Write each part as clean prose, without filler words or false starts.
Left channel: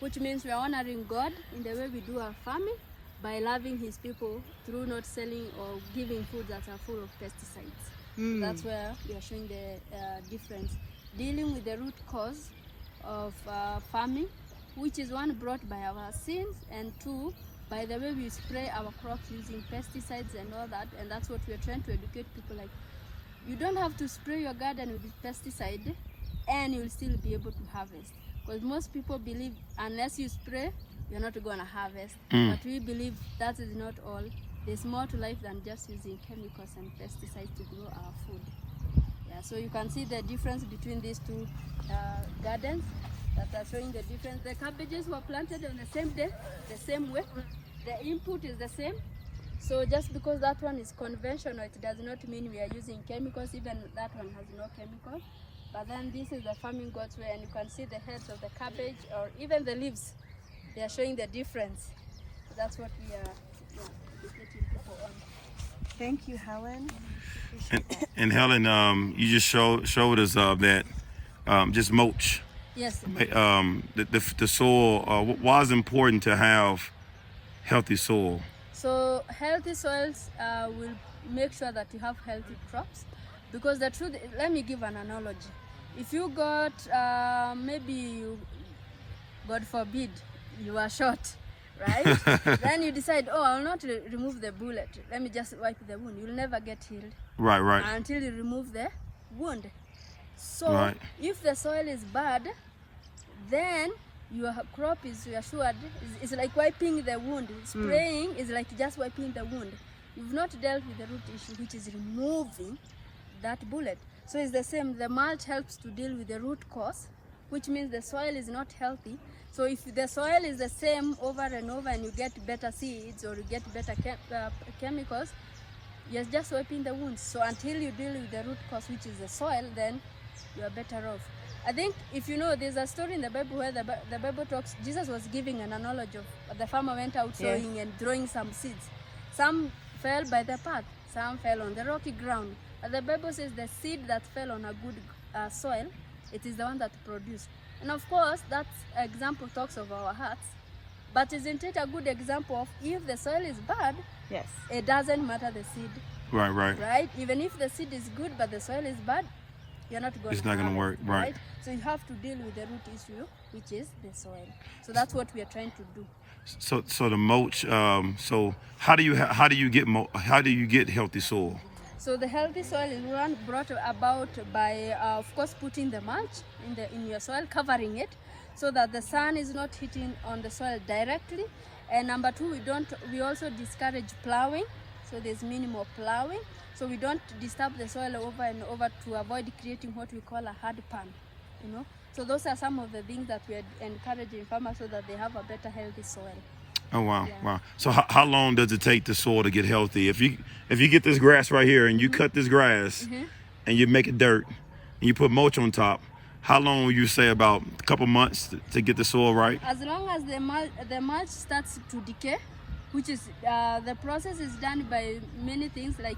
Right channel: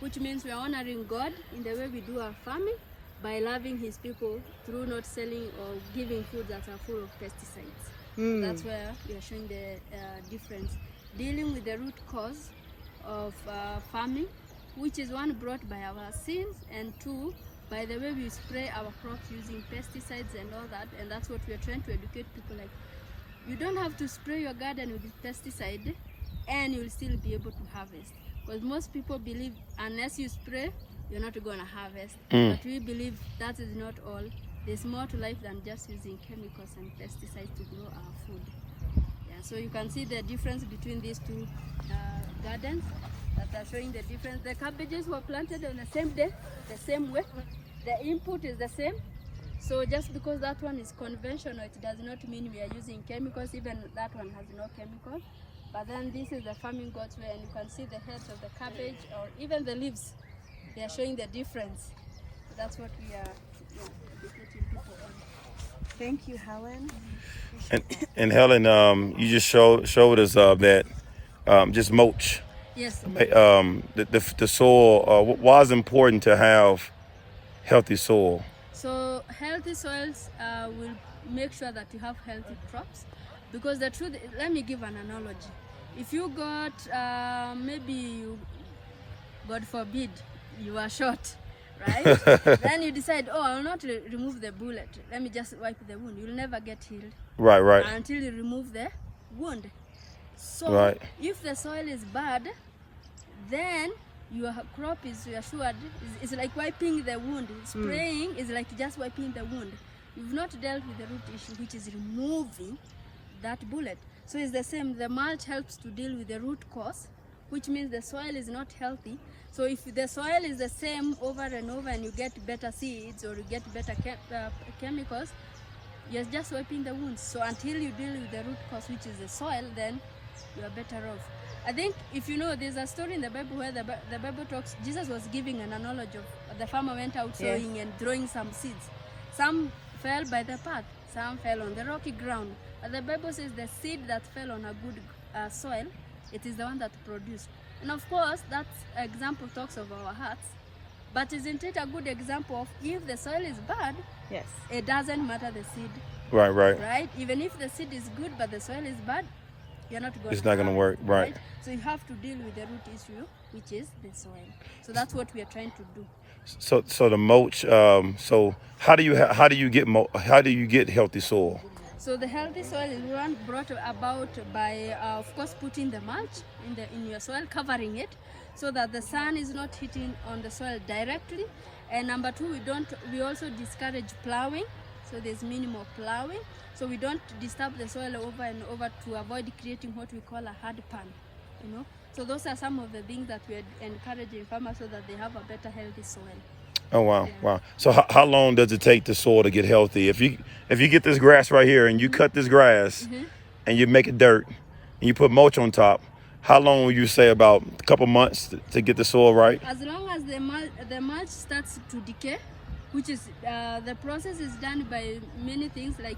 which means we are honoring God in the way we do our farming by loving his people through not selling or giving food that are full of pesticides. That's where we are showing the difference. Dealing with the root cause of farming, which is one brought by our sins, and two, by the way we spray our crops using pesticides and all that. And that's what we are trying to educate people, like, you don't have to spray your garden with pesticide and you'll still be able to harvest. Because most people believe unless you spray, you're not going to harvest. But we believe that is not all. There's more to life than just using chemicals and pesticides to grow our food. Yeah, so you can see the difference between these two gardens that are showing the difference. The cabbages were planted on the same day, the same way. The input is the same. So just because that one is conventional, it does not mean we are using chemicals. Even that one has no chemicals. But then this is the farming God's way, and you can see the heads of the cabbage or even the leaves. They are showing the difference. That's what we are educating people on. Thank you, Helen. And Helen, you just showed us that just mulch. Yes. The soil. Why is it important to have healthy soil? So healthy soils will make sure that you have healthy crops. Because the truth, let me give an analogy. If you got, God forbid, you are shot, right? Then you decide, I will not remove the bullet. Let me just wipe the wound. You'll never get healed. Right. Until you remove the wound. So if the soil is bad, then your crop is assured. It's like wiping the wound. Spraying is like just wiping the wound. You've not dealt with the root issue, which is removing that bullet. So it's the same. The mulch helps to deal with the root cause, which means the soil is not healthy. So if the soil is the same over and over and you get better seeds or you get better chemicals, you're just wiping the wounds. So until you deal with the root cause, which is the soil, then you are better off. I think if you know, there's a story in the Bible where the Bible talks, Jesus was giving an analogy of the farmer went out sowing and throwing some seeds. Some fell by the path, some fell on the rocky ground. But the Bible says the seed that fell on a good soil, it is the one that produced. And of course, that example talks of our hearts. But isn't it a good example of if the soil is bad, it doesn't matter the seed. Right? Even if the seed is good but the soil is bad, you're not going to. It's not going to work, right? So you have to deal with the root issue, which is the soil. So that's what we are trying to do. So the mulch. So how do you get healthy soil? So the healthy soil is one brought about by, of course, putting the mulch in your soil, covering it, so that the sun is not hitting on the soil directly. And number two, we also discourage plowing. So there's minimal plowing. So we don't disturb the soil over and over to avoid creating what we call a hard pan. So those are some of the things that we are encouraging farmers so that they have a better healthy soil. Oh wow! So how long does it take the soil to get healthy? If you get this grass right here and you cut this grass and you make it dirt and you put mulch on top, how long will you say, about a couple months to get the soil right? As long as the mulch starts to decay, which is the process is done by many things like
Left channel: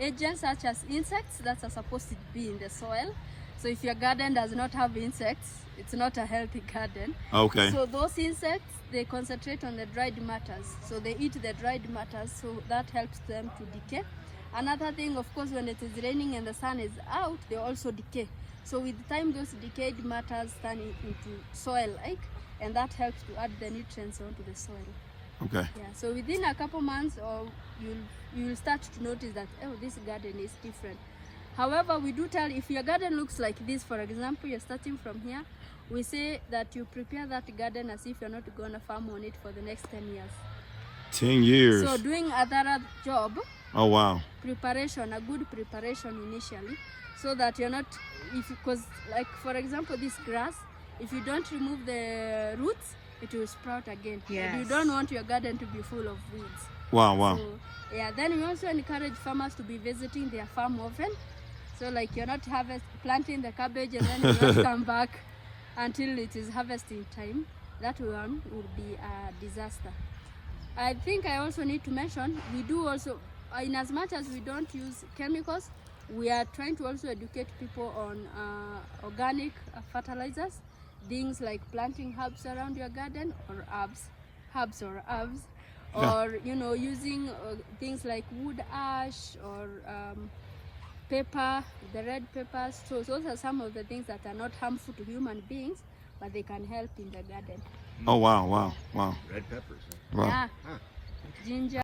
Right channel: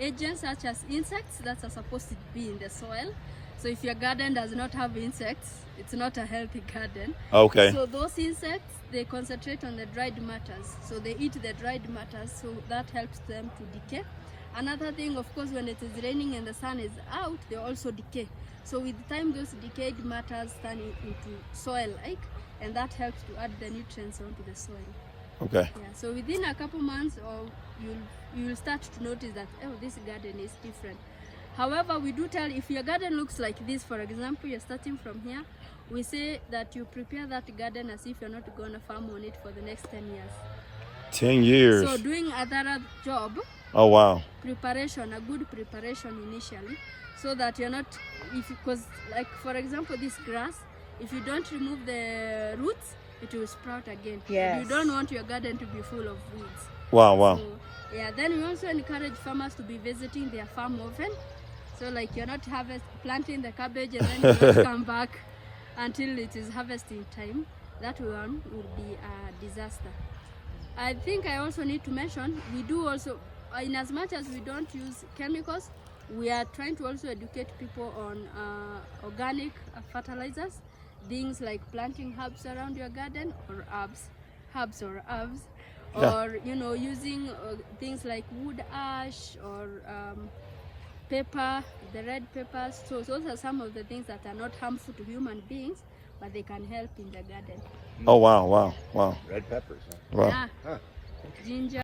agents such as insects that are supposed to be in the soil. So if your garden does not have insects, it's not a healthy garden. Okay. So those insects, they concentrate on the dried matters. So they eat the dried matters, so that helps them to decay. Another thing, of course, when it is raining and the sun is out, they also decay. So with time, those decayed matters turn into soil-like, and that helps to add the nutrients onto the soil. Okay. Yeah. So within a couple months, you'll start to notice that, this garden is different. However, we do tell, if your garden looks like this, for example, you're starting from here, we say that you prepare that garden as if you're not going to farm on it for the next 10 years. 10 years. So doing a thorough job. Oh, wow. Preparation, a good preparation initially, so that you're not, because like, for example, this grass, if you don't remove the roots, it will sprout again. Yes. And you don't want your garden to be full of weeds. Wow. So, then we also encourage farmers to be visiting their farm often. So like, you're not planting the cabbage and then you not come back until it is harvesting time. That one will be a disaster. I think I also need to mention, we do also, in as much as we don't use chemicals, we are trying to also educate people on organic fertilizers. things like planting herbs around your garden, or herbs, or using things like wood ash or pepper, the red peppers. So those are some of the things that are not harmful to human beings, but they can help in the garden. Oh wow. Red peppers. Huh? Wow. Yeah. Huh. Ginger.